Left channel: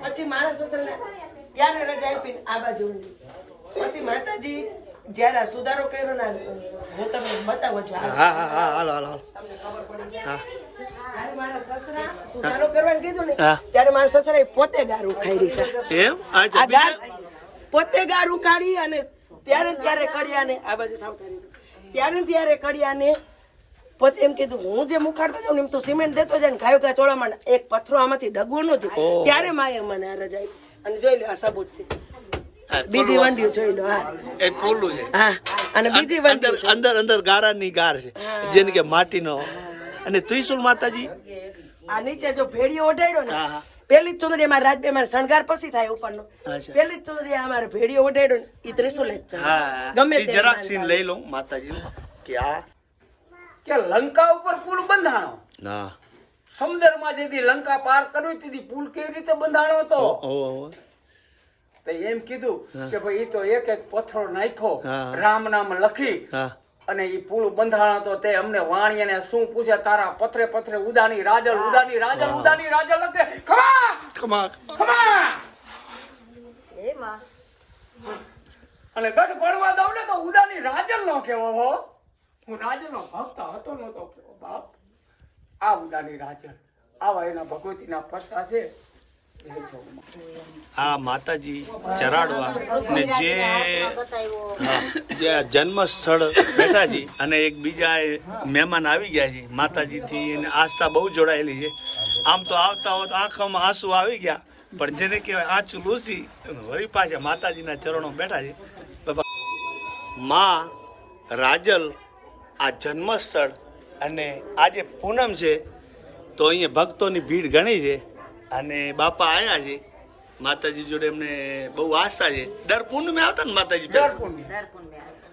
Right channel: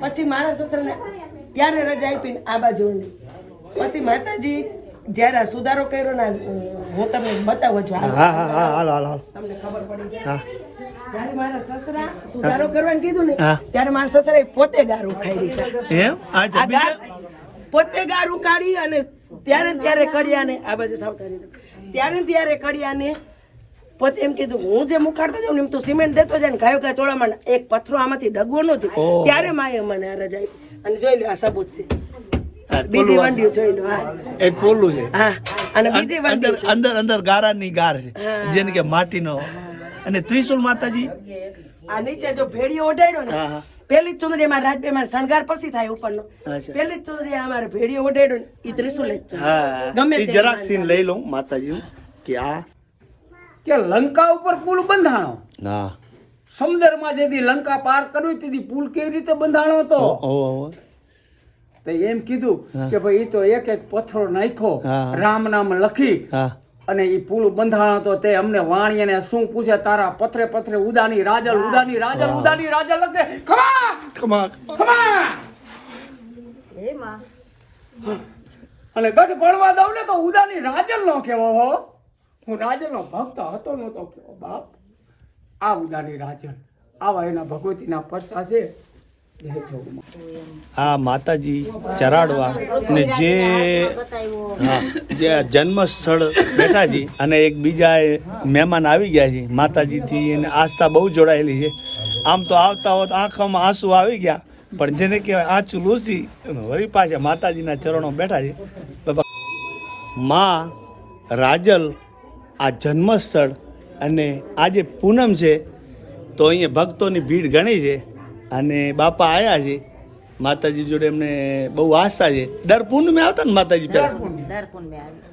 પછી મારા સસરાને ત્યારે રજા આપીને આ બાજુ પછી માતાજી જ્યારે આ સુધારો કર્યો ને હું તમને બતાવું છું તમને ખબર પડી જાય. જ્યારે મારા સસરા સુધારો કરવાનું કીધું ને ત્યારે મારા સસરા પોતે ગાર ખાઈ છે. એમ? પોતે ગાર કાઢી અને ત્યારે ત્યારે ત્યારે કડિયાને આ બાજુ સાવધાની. ત્યારે ત્યારે કડિયાને પોતે એમ કીધું હું જે મુખાડતો જાઉં એમ તો સિમેન્ટ દેતો જાય ને ગાયો ગાય ચોળામાં એક પથરો આમાંથી ડગવો નહોતી ત્યારે માએ મને અરજ આવી અને જોઈ લો આ સબૂત છે. બીજી પોલું જોઈ લો હા. એ પોલું છે. હા અને બીજી અંદર અંદર અંદર ગારાની ગાર છે જેને કે માટીનો. અને ત્રિશુલ માતાજી? આ નીચે જો ભેડીઓ ઓઢાડ્યો ને પેલી જ ચુંદડી અમારે મારે શણગાર પછી થાય ઉપરનો. પેલી જ ચુંદડી અમારે ભેડીઓ ઓઢાડ્યો ને એ ત્રિશુલ જ છે. હા ગમે જરાક સીન લઈ લઉં માતાજી કે આ કે લંકા ઉપર પુલ બંધાણો? ના. સમુદ્રમાં જેથી લંકા પાર કરવી તેથી પુલ કેવી રીતે બંધાણો હતો? તો એમ કીધું કે ભાઈ ઈ તો એક એક પથ્થરો નાખ્યો રામ નામ લખી અને એ પુલ બંધાણો તો તે અમને વાણીને શું પૂછે તારા પથરે પથરે ઉદાની રાજલ ઉદાની રાજલ ઉદાની રાજલ લખે. ખમા! ખમા. ખમા! અને ગઢ ભણવા દઉં ને તો ઉદાની રાજલ નો કેવો હો. હું રાજનનો ભક્ત હતો નહોતો બાપ. આ ઉદાની રાજન, આવા એના ભગવતીના પરસા છે. આ માતાજી ચરાડવા ને જે જે જન્મ સ્થળ બેઠા છે અને એક બીજા મહેમાન આવી ગયા છે, માતાજીથી એને આસ્થા બહુ જોડાયેલી છે. આમ તો આવતા હોત આંખોમાં આંસુ આવી ગયા, પણ જેને કહેવાય આંચું લૂસી વળી પાછા માતાજીના ચરણો બેઠા છે. માં રાજલ આ જન્મસ્થળ અને આજે પૂનમ છે તો અહીંયા ભક્તોની ભીડ ઘણી છે અને બાપા આવ્યા છે. માતાજી જોડે એમને બહુ આસ્થા છે. દર પૂનમે આવતા ને માતાજી પહેલા?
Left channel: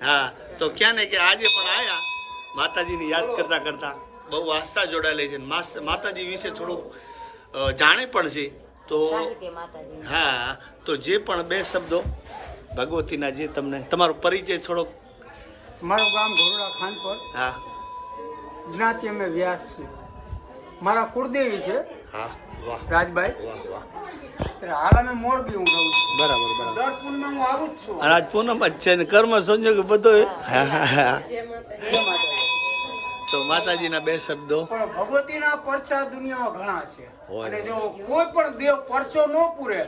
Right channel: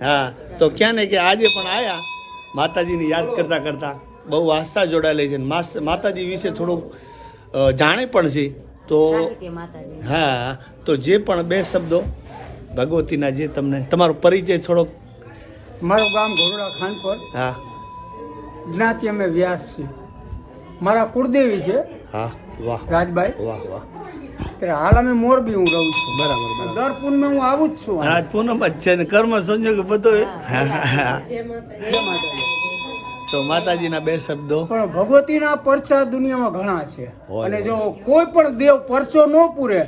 હા તો ક્યાં ને કે આજે પણ આવ્યા માતાજીને યાદ કરતા કરતા બહુ આસ્થા જોડાયેલી છે. માતાજી વિશે થોડુંક જાણે પણ છે. તો હા તો જે પણ બે શબ્દો ભગવતીના જે તમને તમારો પરિચય થોડોક મારું ગામ ઘોરડા ખાનપર હા. જ્ઞાતિ અમે વ્યાસ છીએ. મારા કુળદેવી છે. હા વાહ. રાજભાઈ. વાહ વાહ. હાલ અમે મોરબી હું રહું છું. બરાબર બરાબર. દર પૂનમે હું આવું જ છું. આજ પૂનમ જ છે ને કર્મ સંજોગ બધો હા, હા, હા. તો માતાજીના બે શબ્દો. પણ ભગવતીના પરચા દુનિયામાં ઘણા છે. અને જો કોઈ પણ દેવ પરચો ન પૂરે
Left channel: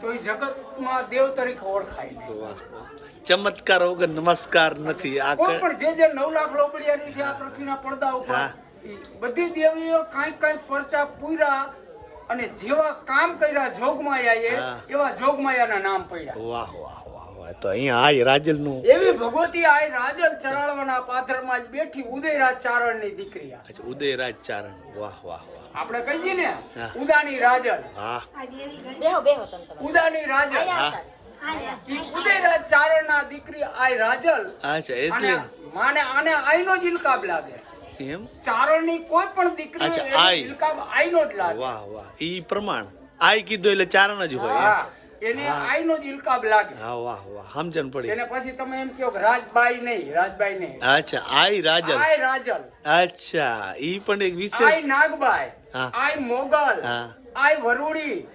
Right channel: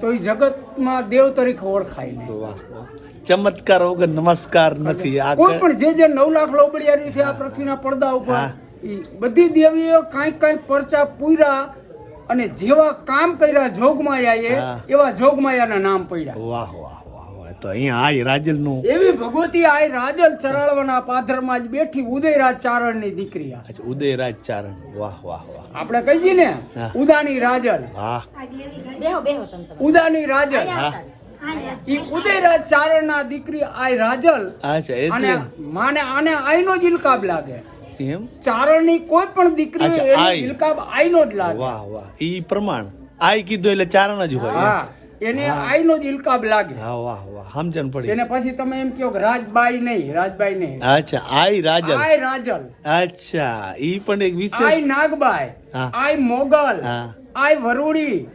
તો એ જગતમાં દેવ તરીકે ઓળખાય ચમત્કાર વગર નમસ્કાર નથી. આ કોઈ પણ જે જે નવ લાખ લોબડિયારી છે આ પૃથ્વીના પડદા ઉપર બધી દેવીઓ કાંઈક કાંઈક પરચા પૂર્યા અને જેવા કામ કર્યા જોગમાયાએ. એવા જોગમાયાના નામ પડ્યા. વાહ વાહ. વાહ વાહ તો અહીંયા આજ રાજલનું. એવી ભગવતી આ રાજલ ચરાળવાના પાથરમાં જ બેઠી ઉદયરાજ ચારણની દીકરી અચ્છા ઉદયરાજ ચારણ. વાહ વાહ વાહ. આપણે કહીએ ને ઉદાની રાજલ. વાહ. ઉદાની રાજલ. હા. ઈ ઉદયરાજ ચારણના દીકરી આય રાજલ. અચ્છા એટલે માને આને આઈનો જ ઇલકાબ લાગે. એમ? ચારણની કોઈ પણ દીકરી. ઇલકાબ આઈનો જ લાગે. વાહ વાહ. ઈ પ્રમાણ. આઈ કીધું એટલે ચારણ જ હોય હા. એને આઈનો જ ઇલકાબ લાગે હા વાહ વાહ સમજણ પડી. એને પછી તમે એમ કહો રાજબાઈ નહીં રાજબાઈ નહીં. અચ્છા આઈ રાજલ. આઈ રાજલ. અચ્છા ઈ પણ એક વિશેષ આઈ નાગબાઈ આઈ મોગલ આઈ વરુડી.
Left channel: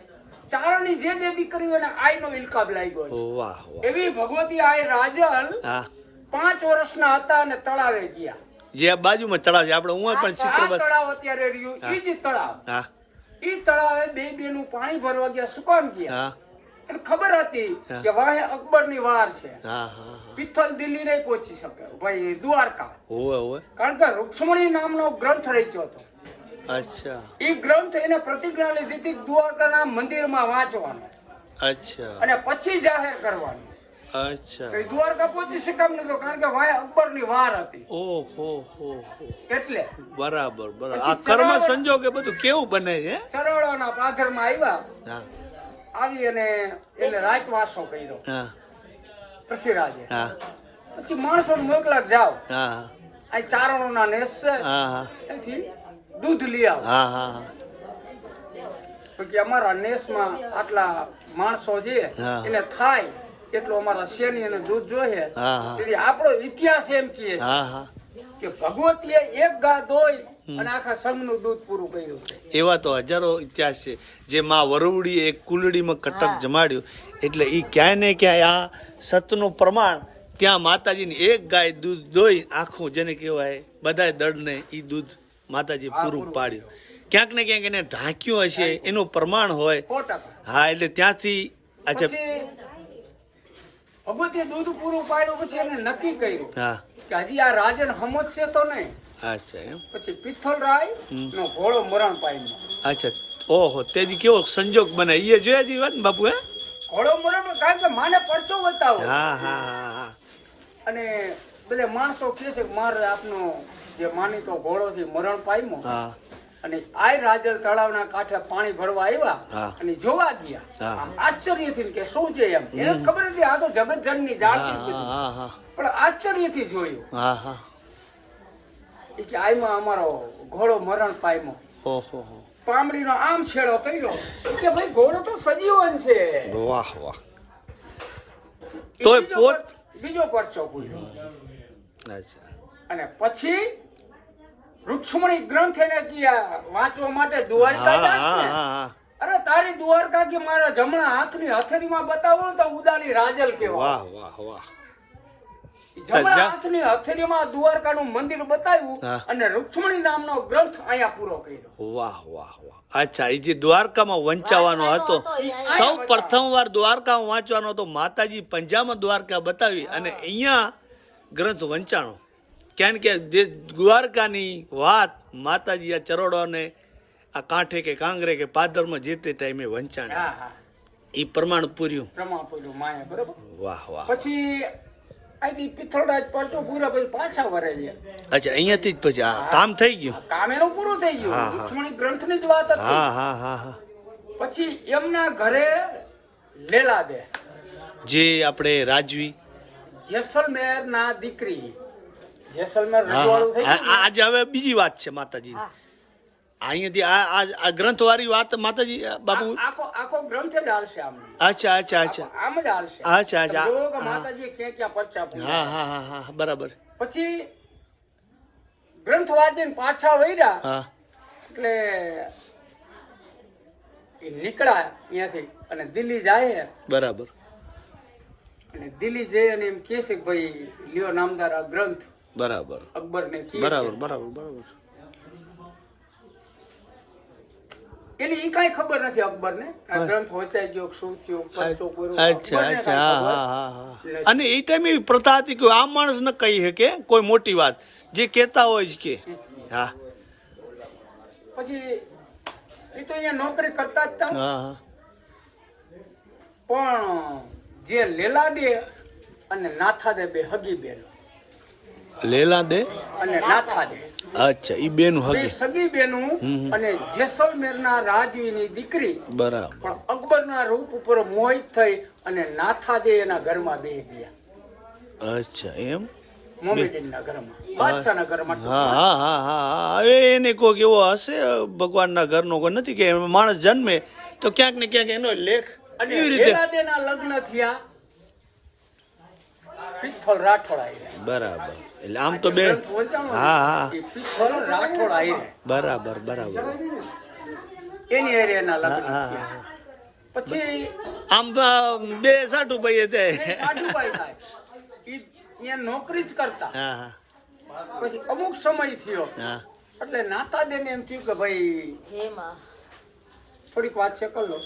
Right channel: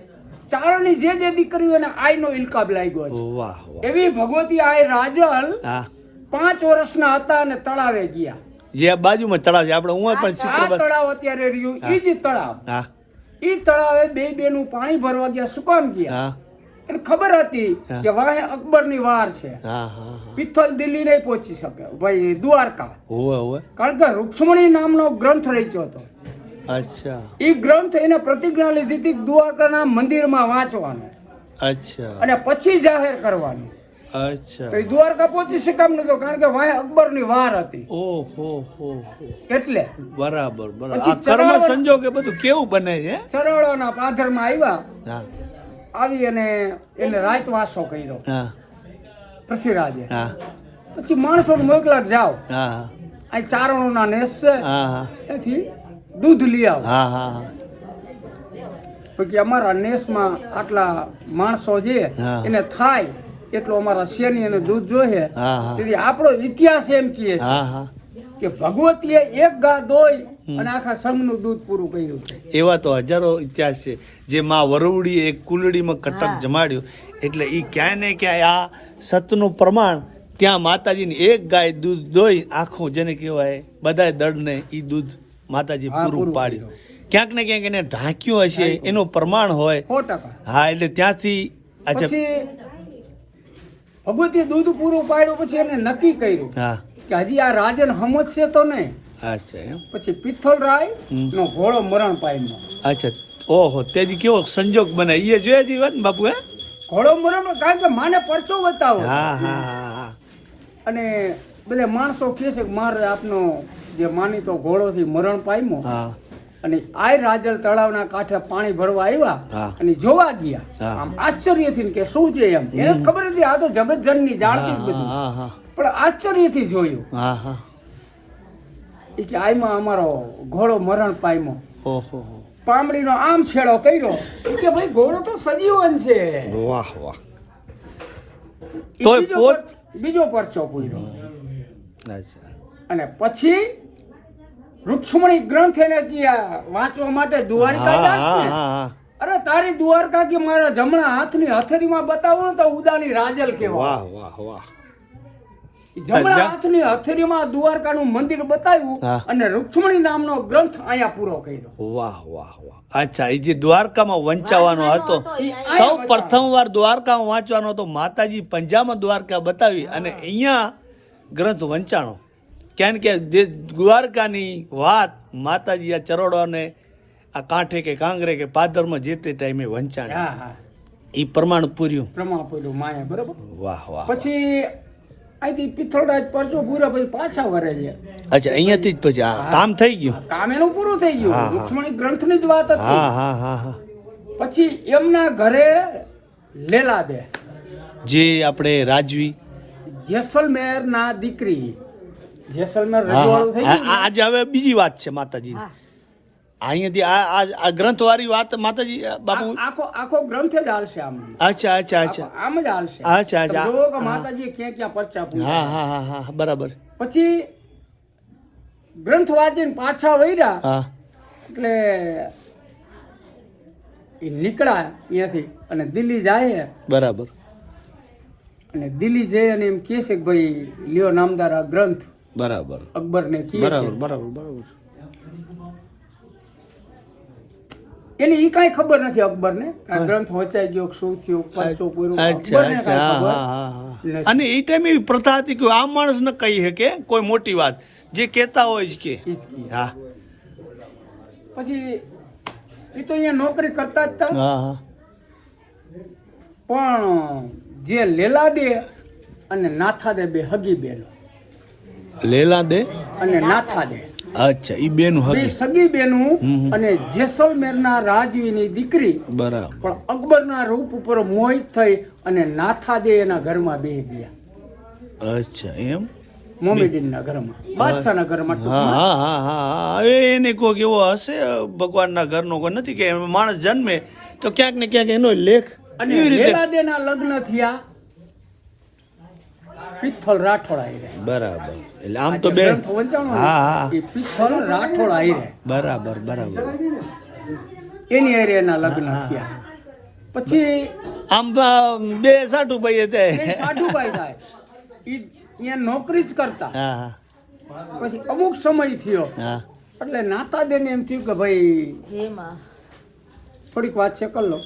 ચારણી જે જે દીકરીઓ એને આયનો ઇલકાબ લાગ્યો છે. વાહ વાહ. એવી ભગવતી આય રાજલ હા. પાંચ વર્ષના હતા અને તળાવે ગયા. જે બાજુમાં તળાવ છે. આપણે હું પણ આ ચિત્ર તળાવ અત્યારે રહ્યું ઈ જ તળાવ. હા. ઈ તળાવે બે બે નું પાણી ભરવા ગયા શું ગયા. હા. ખબર હતી કે કે અકબરની વાર છે. પિત્તલ દિલ્હી નહીં પહોંચી શકે. ભાઈ દ્વારકા. હોવે હોવે. કારણ કે રૂક્ષ્મણી નામનો ગ્રંથ રચ્યો હતો. અચ્છા. એ ગ્રંથ એને પ્રતિજ્ઞા લીધી હતી દ્વારકાના મંદિરમાં વાંચવાનો. અચ્છા. અને પછી જાહેર કરવાની. અચ્છા. તો દ્વારકા પહોંચી શકામ નતો કારણ કે વાય અકબરની વાર હતી. ઓહો હો હો. એટલે. બરાબર બરાબર. કર્મ સંજોગે બધું કેવું બને છે? સરળોના પાથરમાં આવ્યા. હા. આવી અને એને રાતવાસો કર્યો. હા. પૃથ્વીરાજે. હા. પછી માણસો મોકલા જાઓ. હા ચારણો ના નેસ છે. હા એથી દૂધ લઈ આવો. હા હા હા. પછી અમારા નેસમાં આટલા માણસો છે એને થાય એટલો અમારા શેની અને દૂધ જોઈએ. તેથી આપણો ઇતિહાસ એમ કહે છે કે ભગવતીએ એક ગા દોઈ અને આખા સંઘનું દૂધ પૂરું કર્યું એવા તો હજારો ઇતિહાસ છે. જે માં વરવડી એક કુલડીમાં કટક જમાડ્યો. એટલે એ ક્યાંય ને ક્યાંય આ સતનું પ્રમાણ ત્યાં માતાજીની એક ગાય દૂધ દોઈ આખું જેને કહેવાય બધાય દળને એ દૂધ માતાજી પૂરું પાડ્યું. ક્યાંક ને ક્યાંક એને ઢાંક્યું હશે એનું પ્રમાણ હોય. હા એટલે ત્યાંથી પછી ભગવતી દૂધ પૂરું પાડ્યું પછી એને નક્કી કર્યું હા. કે હજી આ રાજન સમજશે તો નહીં. અચ્છા એમ? પછી પિત્તોલ રાય નો ઘોડો મરણ પામ્યો. અચ્છા ઓહો તેથી કેવો સંજોગ બને એ જોયા જેવી વાત ને બાપુ હે? ઘોડો મરણ કારણ કે માને પરચો બતાવો હા હા હા અને બધા માણસો કહે છે કે મારે આપનો જે માનીતો ઘોડો છે મરણ પામ્યો. હા. અને આ રાજલ તળાવના કાંઠે પાણી ભરવા આવ્યા હા. અને જોવા ગયા. આશ્ચર્યથી કે શું છે એમ? એને ખબર નથી આ તો જગતજનની જાણતી જ પણ આશ્ચર્યથી જોયું. કે આમાં અમારો ઘોડો મરણ પામ્યો. પામડીનો આમ છેડો કર્યો. કે ભાઈ ઘોડો તો સજીવન છે. વાહ વાહ. તોય બીજો પોત- બીજો પરચો પૂર્યો. અચ્છા. અને પછી રૂક્ષ્મણી ગ્રંથ એને કયા વાંચવા માટે દ્વારિકા અરે તારી દ્વારકા કે મારા જમણા હાથની હથરીમાં બતાવું ને તો ઉદાની રાજલ કેવા વાહ વાહ વાહ. જમણા હાથની હથેળીમાં દ્વારકાનું મંદિર બતાવ્યું અને રૂક્ષ્મણી નામનો ગ્રંથ અહીંયા પૂરો કર્યો. વાહ વાહ વાહ. અચ્છા એ જે દ્વારકામાં વંચાવાનો હતો સૌ પ્રથમવાર દ્વારકામાં વાંચવાનો હતો માતાજી પંજામાં દ્વારકા બતાવી અને અહીંયા ગ્રંથ વંચાણો. કેમ કે જે દ્વારકાની વાત માતાજી આ ચરોડોને આ કાંઠે કે કાંગરે કે પાદરમાં જે તે ટાઈમે વંચાણે. એ પ્રમાણ પૂર્યું. પ્રમાણ પૂર્યું વાહ વાહ. પછી અહીંથી પિથોરાજ પરસો પૂરા પછી પાછા વરે છે. અચ્છા અહીંયાથી જ પછી આ કામ થઈ ગયું? કામ એનું પૂરું થઈ ગયું. રૂક્ષ્મણી ગ્રંથની જ વાત હતી. હા હા હા હા. પછી એમના ઘરે લેલા દે. જે આપણે રાજવી. જેસલમેર ના દીકરી જેસલમેર આજે હવે બીજી વાત છે માતાજી. અહીંયાથી આ આ- આ ગ્રંથ વાળી વાત માતાજી બાપુ? આખો આખો ગ્રંથ જ હાલશે આમ અચ્છા અચ્છા અચ્છા. આમ જ હાલશે. અચ્છા, અચ્છા. તમે કે માતાજી ક્યાં ક્યાં પરચા હા હા હા હા બરાબર. પછી ગ્રંથ વાંચીને પાછા વૈરા હા. એટલે એ નીકળ્યા અહીંયાથી અને દિલ્હી જાય. બરાબર. અને દિલ્હી જઈ અને એમ કહે છે કે ભાઈ લ્યો નામદાર આ ગ્રંથ. બરાબર. અકબરને કહે બરાબર બરાબર બરાબર. એને એ કાંઈ ખબર નથી અકબરને? ને આ ગ્રંથ વચાઈ ગયો શું થયું પરચો પૂરો અકબરને ખબર. અને એ ટાઈમે એવી પ્રથા હતી કે આ માણસ ન કહી શકે કોઈ મોટી વાત. જે કહેતા હોય જ કે. હા. પછી એ તો અહીંયા નોકરી કરતા જ હતા. હા હા. પણ જે લેલા દે અને નાથા દે બે હગી બેનો લેલા દે અને નાથા દે અચ્છા એ બેનું હવે સગી બેનું અને જેસલમેરના રાજવીની દીકરી. બરાબર. પણ અકબરના રૂપ ઉપર મોહિત થઈ અને નાથા દે એના ઘરમાં બે ગયા. અચ્છા એમ? મોમેડીનના ઘરમાં. બાદશાહના ઘરમાં હા હા હા હા એને કોઈક એવો હશે ભગવાનના ઘરનો કોઈ નથી કે માણસ જન્મે તો ક્યાંક ને ક્યાંક એનો લેખ એવી રીતે? લગ્ન થયા પિત્થલ રાઠોડ આવી બરાબર. એટલે આમ તો બે. હા હા. બરાબર બરાબર. એની હારે એના લગ્ન થયા. પછી આમ બે સાઠું ભાઈ તે. એ થાય. ઈ નોકરી જ કરતા. હા હા. પછી અમુક સમય થયો. હા. એટલે નાતા દેને એમ થયું કે ભાઈ થોડીક વાત છે કર લો.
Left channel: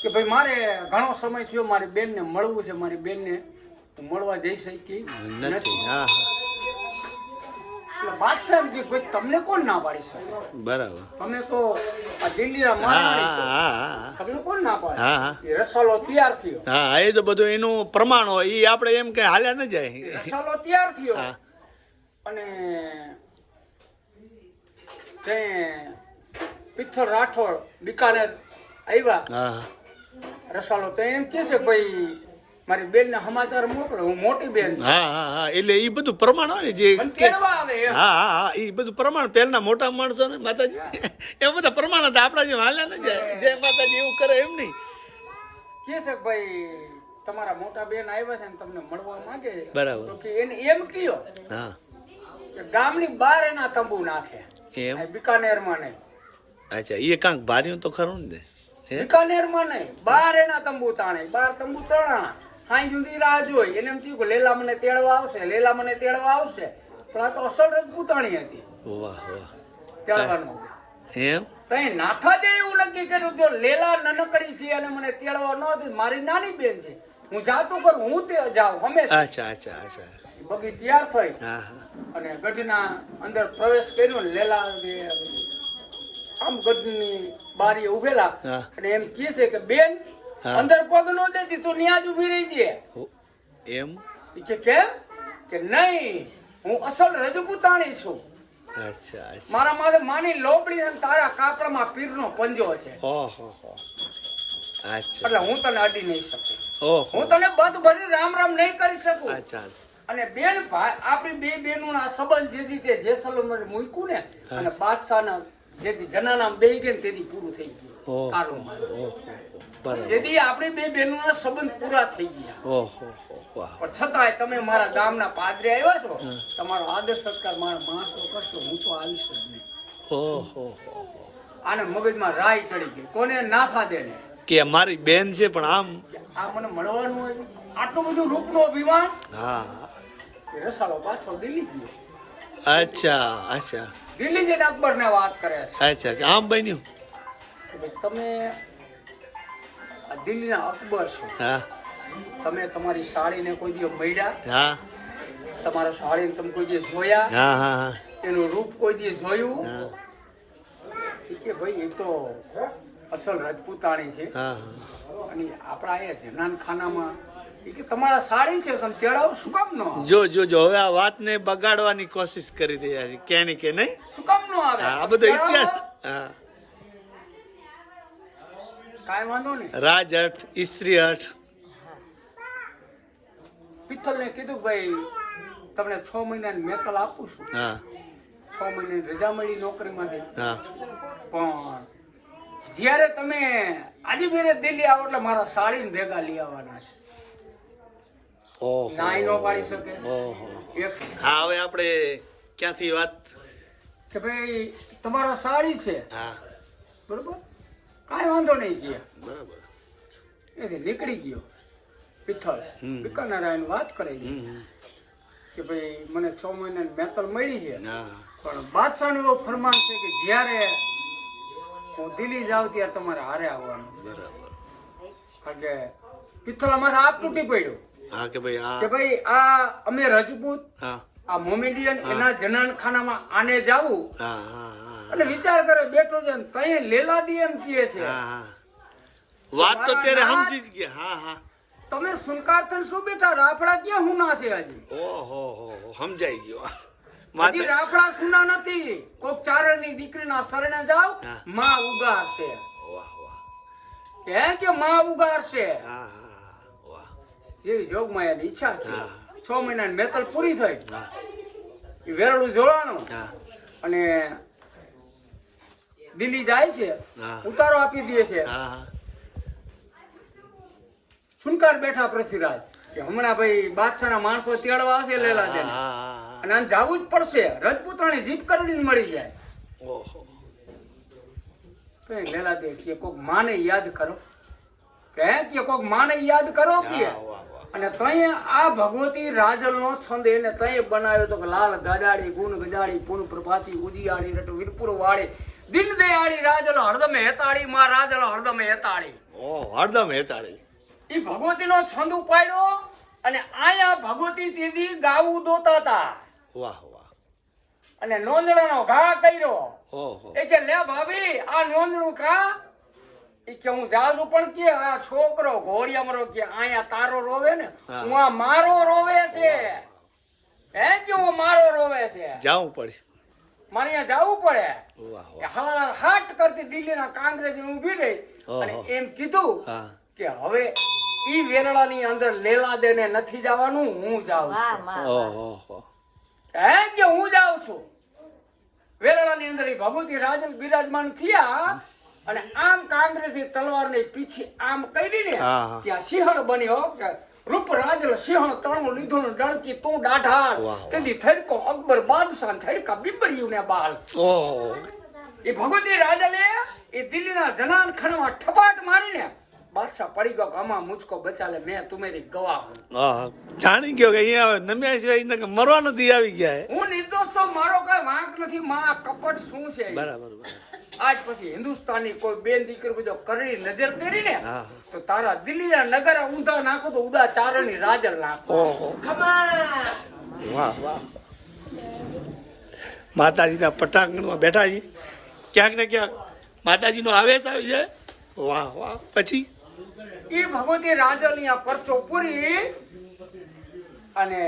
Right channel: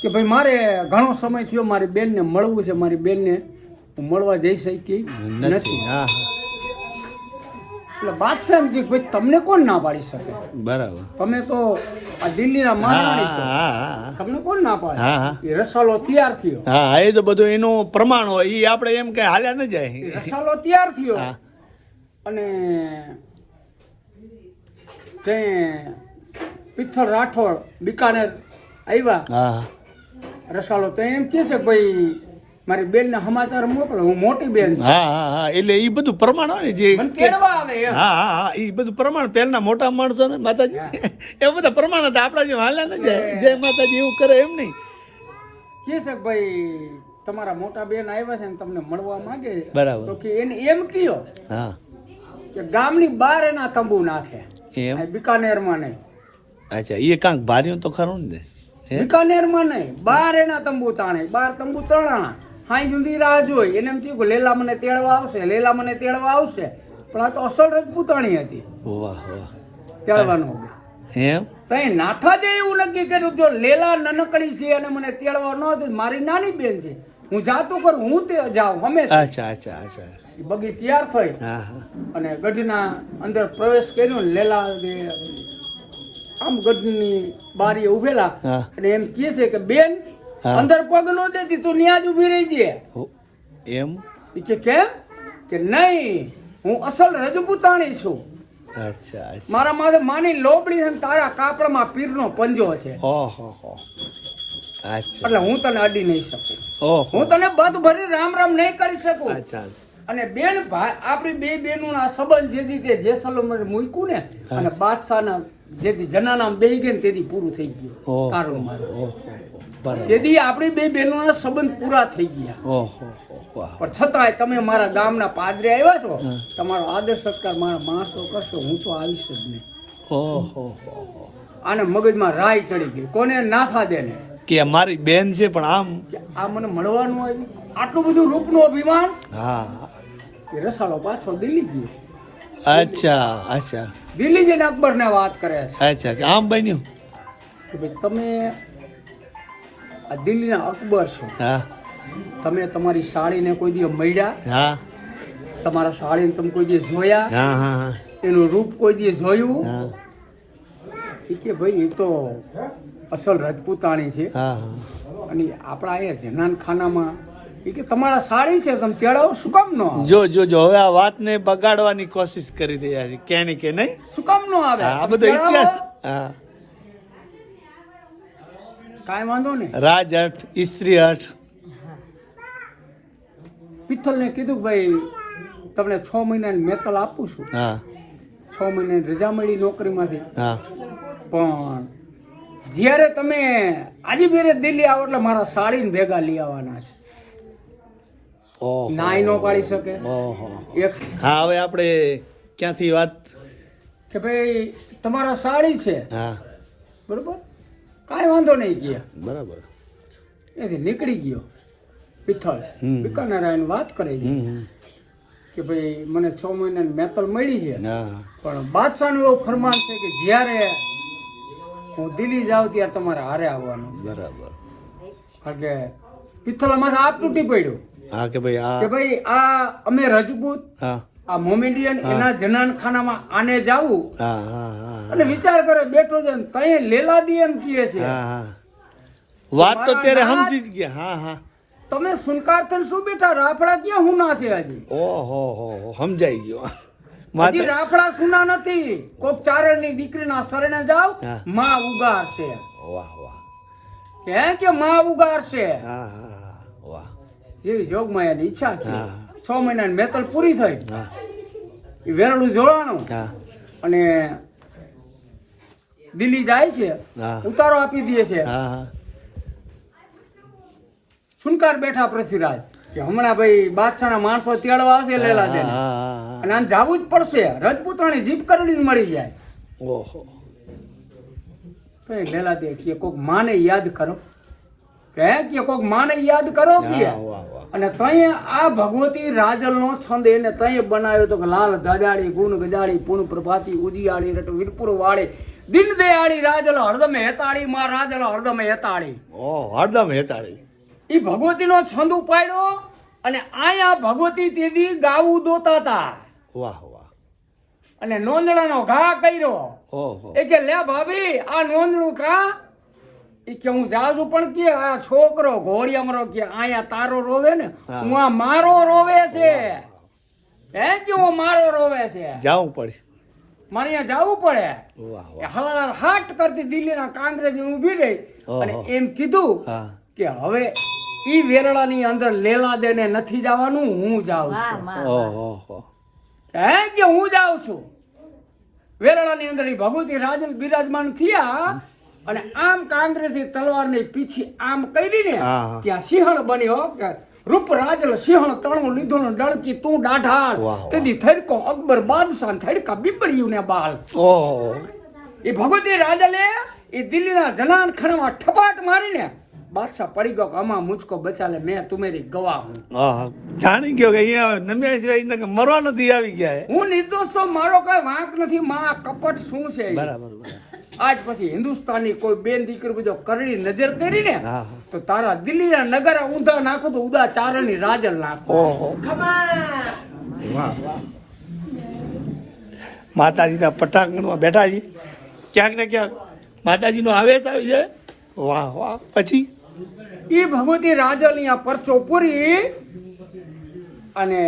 કે ભાઈ મારે ઘણો સમય થયો મારી બેનને મળવું છે મારી બેનને હું મળવા જઈ શકી નથી. હા હા. એટલે બાદશાહ એમ કે ભાઈ તમને કોણ ના પાડી શકે? બરાબર. તમે તો દિલ્હીના હા તમને કોણ ના પાડે? એ રસાલો તૈયાર થયો. હા એ તો બધું એનું પ્રમાણ હોય. એ આપણે એમ કે હાલ્યા ન જાય. રસાલો તૈયાર થયો. અને તે પિત્થળ રાઠોડ બિકાનેર આવ્યા. હા. રસાલો તો એમ કહે છે કે ભાઈ મારી બેન ને સમાચાર મોકલો હું મોટી બેન હા હા હા એટલે એ બધું પ્રમાણ હોય જે હા હા હા એ બધું પ્રમાણ પહેલા મોટા માણસો ને માતાજી એ બધા પ્રમાણ હતા આપણા જે હાલ્યા ને જાય. જય માતાજી એવું કરે એમ નહીં. કેશક ભાઈ તમારા મોટા બેન આવ્યા છે ને તમને મળવા માંગે? બરાબર. તો કે એને એમ કયો હા. કે ગામની બહાર એના તંબુ નાખે. એમ? બિકાનેરમાં નહીં અચ્છા એ કાંક ભાર્યું તો ખરું ને બિકાનેરમાં નહીં બહાર એના તંબુ તાણે બહાર તંબુ તણાણા હાઈ જુદી રાહ જોઈ. એને એમ થયું કે લેલા મને તેડવા આવશે લેલા મને તેડવા આવશે. પણ આ તો અસલ રજપૂતાણી હતી. વાહ વાહ. તેડવાનું. એમ? તઈ નાથા દે એવું નક્કી કર્યું જો લેલા નનકડી છે અને મને તેડવા ન હતી મારી નાની બેન છે. હું જાતો કરું હું તે જાઉં હંમેશા. અચ્છા અચ્છા અચ્છા. બગી તૈયાર થઈ. અને ગઢના અંદર પ્રવેશ કર્યો ને લેલા આમ ગઢની બારીએ ઉભેલા. અને એમ કહે છે કે બેન. અંદર પગ નો દેતી તું ન્યા જ ઊભી રહી છે એમ? કે કેમ? કે નહીં હું અસલ રજપૂતાણી છું. અચ્છા મારા માથે માની લોબડી છે તારા કાપડમાં પીરનો પંજો છે. ઓહો હો એટલે હું તને અડી નહીં શકું. હું તને બધ ભરી રામ રામ નહીં કરી શકું. અચ્છા અને બેન ભાઈ આપણી બે બેનું આ સંબંધ જેથી તે જેસલમર મૂક્યું ને અને બાદશાહના જેથી જનાનામ બેહી ગઈ ને તેથી પૂરું થઈ ગયું. કારણ બરાબર તેથી આપણી બે બહેનોના સંબંધ પૂરા થઈ ગયા. પણ છતાંય તમે મારા ગામના પાદરે આવ્યા છો તમારો આદર સત્કાર મારા માણસો કરશો હું તો આવીશ જ નહીં. આને મગજમાં રાય ચડી ગઈ. કોને નાખા દેને? કે મારી બેન છે પણ આમ આ મને મળવાનું આવ્યું? આટલું બધું રૂપનું અભિમાન? હા. એ રસાલો પાછો દિલ્હી ગયો. અચ્છા અચ્છા. દિલ્હી જઈને અકબરને વાત કરે છે. અચ્છા આમ બન્યું? તમે આ દિલ્હીના અકબર છો. હા. તમે તમારી સાડીને કોઈ દી મળ્યા? હા. તમારા સાડીને તમે કોઈ દી જોયા? હા હા હા. એનું રૂપ કોઈ દી જોયું? હા. કે ભાઈ એ તો અસલ રાજપૂતાણી છે. હા હા. અને આપણા એ જનાન ખાનામાં કે તમારા સાડી છે તમે તેડાવો શું કામ નો જો જો જો હવે આ વાતને બગાડવાની કોશિશ કરી રહ્યા છે. કે નહીં કે નહીં? શું કામ નો આવે? આ બધો ઇતિહાસ હા. કાંઈ વાંધો નહીં. ઇસ્ત્રી પિત્તલ પિત્તલને કીધું ભાઈ તમને છ મહિનાની મેકલ આપું છું. હા. છ મહિનાની રજા મળી નોકરીમાંથી. હા. પણ જ્યારે તમે આજે બેરે દિલ્હી આવો એટલે મારા સાડીને ભેગા લઈ આવવાના છે. નાઈ નો પાડી શકે. એક હા હવે આપણે ક્યાંથી વાત? કે ભાઈ તમારા સાડી છે. હા. બરોબર? કાંઈ વાંધો નહીં કે બરાબર. એથી નીકળી ગયો હમ. બિકાનેર વાત કરે છે કે ભાઈ મને છ મહિનાની મેતલ મળી છે. પણ બાદશાહનું એવો ફરમાન છે કે જ્યારે હું દિલ્હી જાઉં ત્યારે તમારે હારે આવવાનું. બરાબર. કારણ કે પિત્તળમાંથી આપ તૂટી પડ્યું. હા કે ભાઈ કે ભાઈ આ અમે રજપૂત હા. આ મોમેડિયન એના જનાનખાનામાં આને જાવું અને વિચાર કરે બેઠો છે તય લેલાદી એમ કહે છે. વાત તો ત્યારે સમજી જ ગયા હા હા. તમે સુનકાર થન શું બેઠા રાફડા ક્યાં હુના છે આજે ઓહો હો હો સમજાઈ ગયો. માજી રાફડા સુના નથી. કોક ચારણની દીકરીના શરણે જાવ. માં ઉગાર છે. વાહ વાહ. કે કે માં ઉગાર છે? હા હા વાહ. એવી જોગમાયાની ઈચ્છા હા. છ મહિનાની મેતલ પૂરી થઈ. એ વેરણું જોડાણું અને દિલ્હી જાય છે ઉતારો આપી દે છે. સુનકાર બેઠા પૃથ્વીરાજ કે હમણાં ભાઈ બાદશાહના માણસો તેડવા હશે લેલા દે અને આમ જાવું જ પડશે. રજપૂતાણી જીપ કરડી મળી જાય. ઓહો. કઈ લેલા દે કે કોક માને યાદ કરો. કે કે કોક માને યાદ કરો કે? અને તય આ ભગવતી રાજલનો છંદ એને તય બનાવ્યો તો કે લાલ દાદાડી ગુણ ગજાડી પૂર્ણ પ્રભાતી ઉદિયાળી રટ વીરપુર વાળી દિન દયાળી રાજલો હરદમ હેતાળી માં રાજલ હરદમ હેતાળી. ઓ હરદમ હેતાળી. ઈ ભગવતીનો છંદ ઉપાડ્યો અને આયા ભગવતી તેદી ગાવું દોતા હતા વાહ વાહ. અને નોંદણાનો ઘા કર્યો. એ કે લે ભાભી આ નોંદણું ખા એ કે હું જાઉં છું પણ કે આ છોકરો ઘોડિયામરો કે આયા તારો રોવે ને હું. આ મારો રોવે છે. હે. કે હું મારો રોવે છે? જાવું પડશે. મારે અહીંયા જવું પડે. હળહળ હાટ કરતી દિલ્હીના કાંગ્રેસ ઊભી રહી અને એમ કીધું કે હવે ઈ વેરડાની અંદર લેલા દેને નથી જવાનું હું જાઉં છું. હે કે હું જાઉં છું? વેરડાની અંદર ઈ ભગવતી રાજ બિરાજમાન થયા અને આમ કાંગ્રેસી તલવારની પીછી આમ કરી ને. ત્યાં સિંહણ બન્યો કે રૂપ રાજલ સિંહણ તણો લીધો ને ડળકી તું વાહ. તેથી થડકો અકબર બાદશાહ થડકા બીપડ્યું ને બાલ એ ભગવતી રાજલે એ દિલ્હીના જનાન ખણમાં ઠપાટ મારીને બાદશાહ પડી ગયો કે અમા મુચકો બચાલે મેં તુમેરી ગવા હું. હા જાણી ગયો કે અહીંયા નમ્યા સિવાય એને કે મરવા નથી આવી ગયા હું? નિર્દોષ છું મારો કઈ વાંક નથી માં કપટ શું છે? બરાબર બરાબર. આજ પછી હિન્દુસ્તાની કોઈ બેન દીકરી બીજો કરડી નજર કરી ને. તો તારા દિલ્હીના નગર ઊંધા નાખો તો ઉદા ચારણની રાજલ નાખો. ઓહો. વાહ વાહ. માતાજીના પટાંગણમાં બેઠા છીએ ક્યાંક ને ક્યાંક માતાજીનો આવેશ આવી જાય. વાહ વાહ. પછી? એ ભગવતી રાજલની આ પરચો પૂરી અને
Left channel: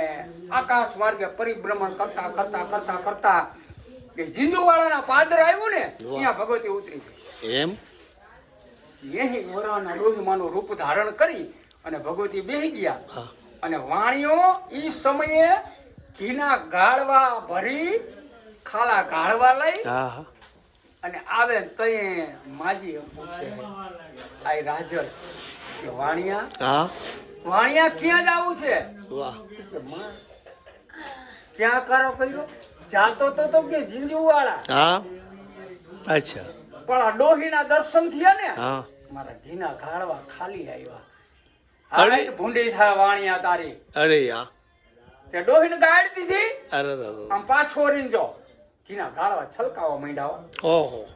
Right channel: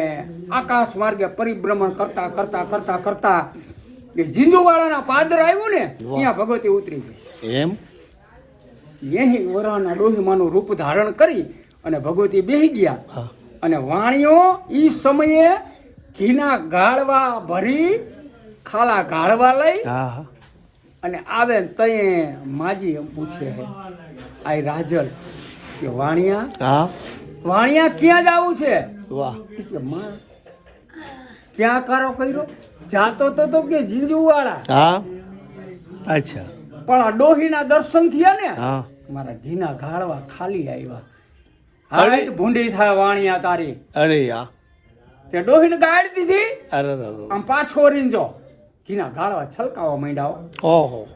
આકાશ માર્ગે પરિભ્રમણ કરતા કરતા કરતા કરતા એ જીંદુવાળાના પાદર આવ્યું ને ત્યાં ભગવતી ઉતરી ગઈ. એમ? એહી વરાના ડોહીમાનું રૂપ ધારણ કરી અને ભગવતી બેહી ગયા. અને વાણીઓ ઈ સમયે ઘીના ગાળવા ભરી ખાલા ગાળવા લઈ અને આવે તયે માજી પૂછે આઈ રાજલ કે વાણિયા? હા. વાણિયા ક્યાં જવું છે? વાહ. કે માં ક્યાં કારો કર્યો? જાતો તો તો કે જીંજુવાળા. હા. અચ્છા. પણ ડોહીના દર્શન થયા ને? હા. મારા ઘીના ગાળવા ખાલી આવ્યા. હાલ ભૂંડી થાય વાણિયા તારી. અરે યા તે ડોહીને ગાળી દીધી? અરે. આમ પાછો રીંજો ઘીના ગાળવા છલકાવા માંડ્યા ઓહો.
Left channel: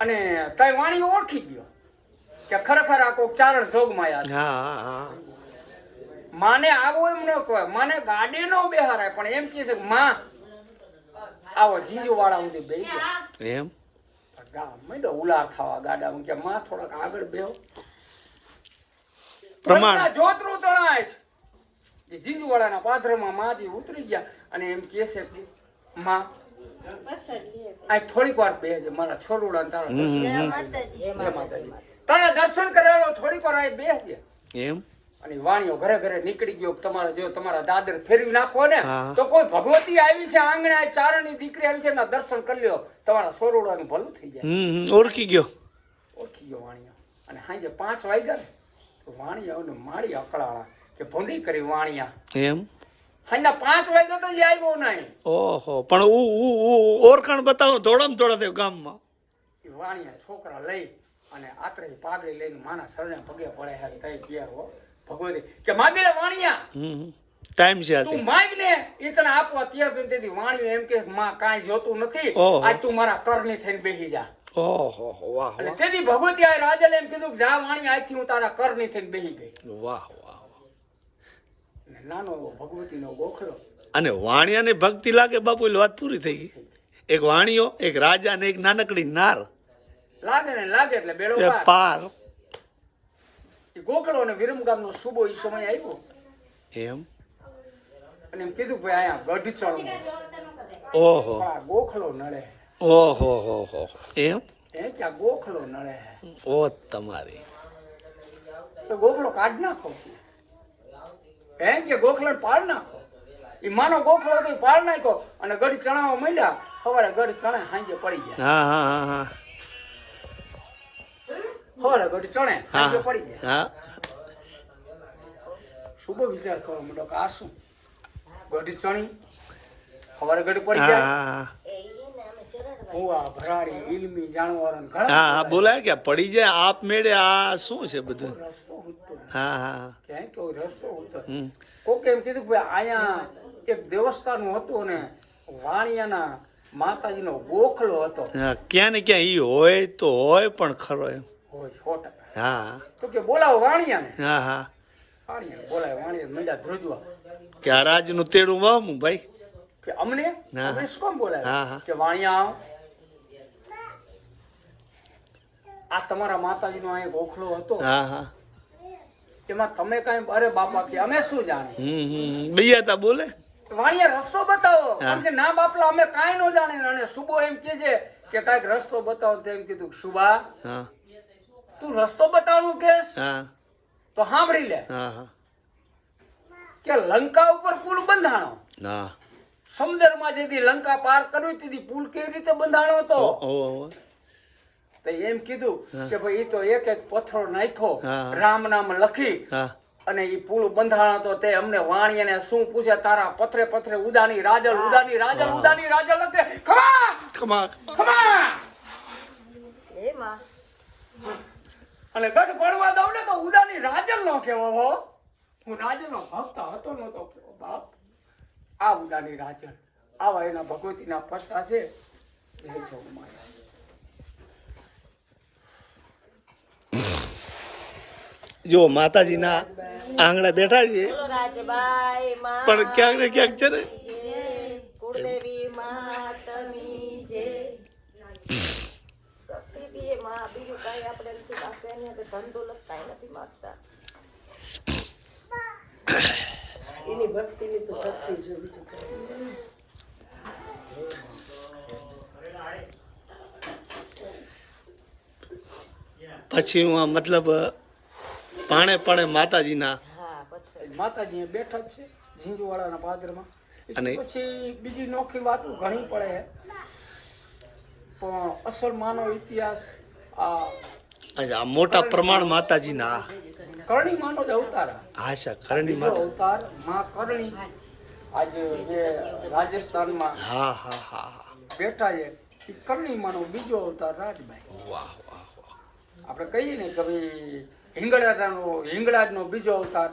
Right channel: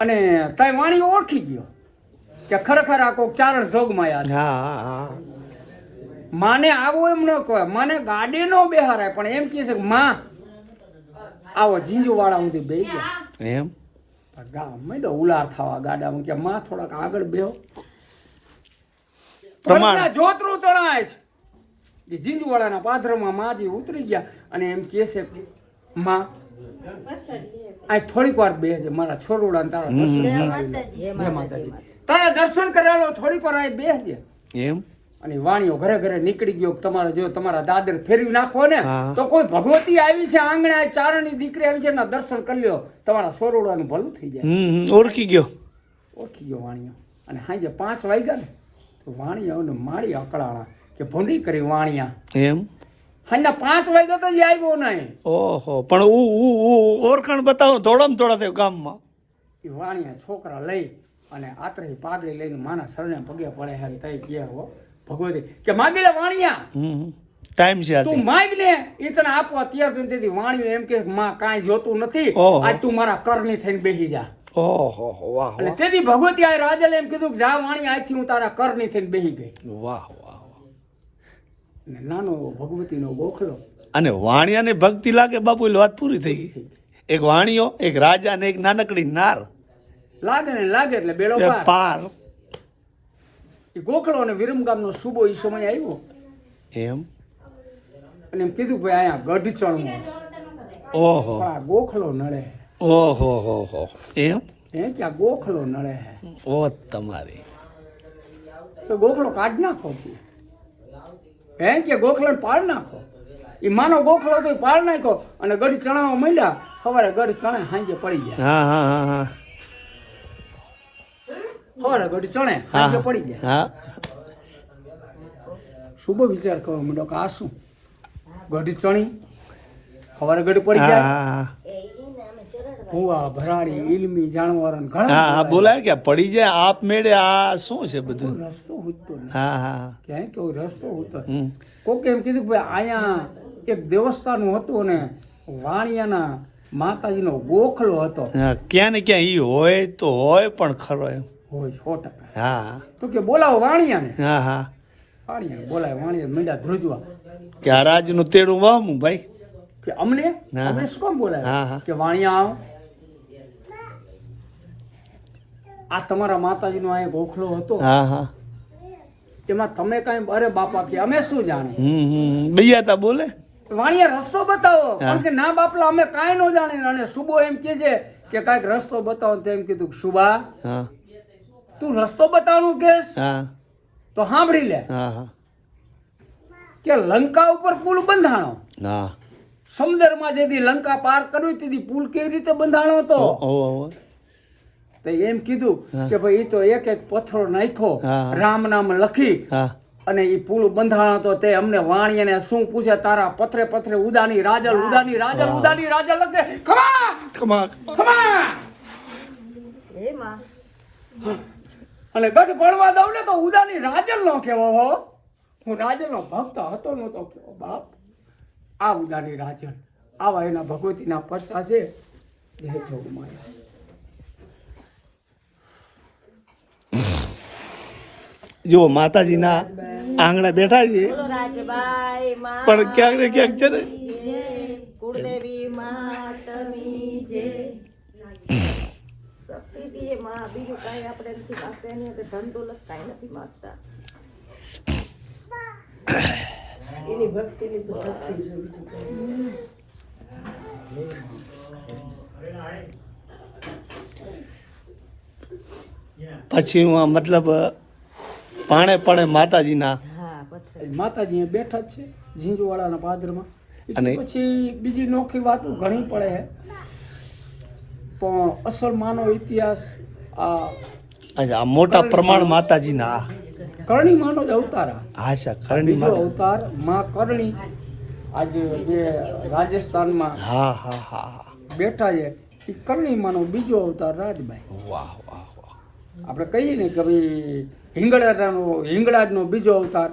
અને તઈ વાણી ઓળખી ગયો. કે ખરેખર આ કોક ચારણ જોગમાયા છે. હા હા હા. માને આવું એમ ન કહે મને ગાડી નો બેહારાય પણ એમ કહે છે કે માં આવો જીંજુ વાળા સુધી બે ગયા. એમ? ગામ માંડ્યો ઉલાર થવા ગાડામાં કે માં થોડાક આગળ બેહો. પ્રમાણ. જોતરું તણાય છે. જીંજુવાળાના જીંજુ પાથરમાં માજી ઉતરી ગયા અને એમ કહે છે કે, માં આ થોડીક વાર બેસે મારા છોરોડા તારા તારા દર્શન કરાવો થોડીક વાર બેસજે. એમ? અને વાણીઓ ઘરે ઘરે નીકળી ગયો તમારે જો તમારા દાદર ફેરવી નાખો ને તો કોઈ ભગવતી આવી છે આંગણે આ ચારણની દીકરી આવી છે એના દર્શન કરી લ્યો. તમારા સોરોડાનું ભલું થઈ જાય. ઓળખી ગયો. ઓળખી ગયો વાણીઓ. અને સાંજે પાંચ વાગ્યા ને તો વાણીયાઓને માળી અકળાળા કે ભૂંડી કરી વાણિયા. એમ? સાંજના પાંચ વાગ્યા તો જ આવ્યો નહીં. ઓહો પણ ઓળખાણ બતાવો ધોળમ ધોળા થયો ગામમાં. એ વાણિયા છોકરા લઈ અને આતરી પાઘડી લઈને માના શરણે પગે પડે હે તઈ ગયા હો? ભગવતી. કે માગેલા વાણિયા. ટાઈમ છે તું માગ ને એ તને આપવા તૈયાર થઈને તેથી વાણિયો એમ કે માં કાંઈ જોતું નથી. આજ તું મારા કરની થઈને બેસી જા. ઓહો વાહ અને તેથી ભગવતી આ રાજલે એમ કીધું કે જા વાણી આજથી હું તારા કરની થઈને બેસી ગઈ. વાહ વાહ વાહ. નાનો ભગવતીનો ગોખલો. અને વાણિયાને ભક્તિ લાગે બાપુ એટલે વાત પૂરી થઈ ગઈ. એક વાણિયો એક રાજા ને એક નાનકડી નાર. લાગે ને લાગે એટલે બેડો પાર એ ગોખલો અને વિરમગામનો સુબો એ સમય આવ્યો. એમ? અને એમ કીધું કે ભાઈ અહીંયા ગઢ ચણું ઓહો. ગોખલો નળે ઓહો હો હો. એમ? હે કે આ ગોખલો નળે ઓ તમારી. તો ગોખલો કાઢ નાખો. હે કે ગોખલો પાડ નાખો. એ માનો ગોખલો તો પાડ નાખ્યો અને ગઢ ચણાવવા માંડ્યા. સવારે ગઢ ચણે સાંજે પડી ગયા. હા હા હા. ચણે પડી ગયા. હા. શુભ વિચાર કરવા માંડો કે આ શું? ગઢ ચણી સવારે ગઢ પડી હા ભૂવા ભરાડી ઇલમી જાણવારો ઘણા હા હા બોલાય કે પડી જાય આપ મેળે આ શું છે બધું? રસ્તો ઉતતો. હા હા ક્યાંય કોઈ રસ્તો હમ. કોકે એમ કીધું કે અહીંયા એક દેવસ્થાન હતું ને વાણિયાના માતાજીનો ગોખલો હતો. ક્યાં ને ક્યાં ઈ હોય તો હોય પણ ખરો એમ. હોય સો ટકા હા. તો કે બોલાવો વાણિયાને. હા હા. વાણિયાને બોલાવે વાણિયા મીંડા ધ્રુજવા. કે આ રાજનું તેડું વામું ભાઈ. કે અમને? અમને શું કામ બોલાવે? હા, હા. કે વાણિયા આવો. આ તમારા માતાજીનો આ ગોખલો હતો. હા હા. એમાં તમે કાઈ અરે બાપા કે અમે શું જાણે હમ બૈયા તા બોલે? વાણિયા રસ્તો બતાવો. કારણ કે ના બાપલા અમે કાઈ ન જાણે અને સુબો એમ કે છે કે કાઈક રસ્તો બતાવો તેમ એમ કીધું કે સુબા હા. તું રસ્તો બતાવવાનું કેસ હા. તો સાંભળી લે. હા હા. કે લંકા ઉપર પુલ બંધાણો. હા. સમુદ્રમાં જેથી લંકા પાર કરવી તેથી પુલ કેવી રીતે બંધાણો હતો. તો એમ કીધું કે ભાઈ એ તો એક એક પથ્થરો નાખ્યો રામ નામ લખી અને એ પુલ બંધાણો તો તે અમને વાણી અને શું પૂછે? તારા પથરે પથરે ઉદાની રાજલ ઉદાની રાજલ ઉદાની રાજલ લખે. ખમા! ખમા. ખમા! અને ગઢ ભણવા દઉં ને તો ઉદાની રાજલ નો કેવો હો. હું રાજલ નો ભક્ત હતો નતો કેવો બાપ આ ઉદાની રાજલ આવા એના ભગવતીના પરસા છે. જય જોગમાયા જો માતાજીના આંગણા બેઠા છે. પણ ક્યાંક ને ક્યાંક છે ને ભક્તિની તો શક્તિ છે બીજું પછી હું આ મતલબ પાણે પાણે માતાજીના માતાજી બેઠા જ છે ઝીંઝુવાડાના પાદરમાં. અને- પછી બીજી નોખી વાતો ઘણી પડે છે. પણ અસલ માનો ઇતિહાસ આ મોટા પ્રમાણ માતાજીના. કરણી માનો જ અવતાર આ. આશા કરણી માતા. અવતારમાં કરણી આજે જે રાજસ્થાનમાં હા હા હા હા. બેઠા છે એ કરણી માનો બીજો અવતાર રાજભાઈ. વાહ વાહ વાહ. આપણે કહીએ ને કે ભાઈ હિંગળાનો હિંગળાજનો બીજો અવતાર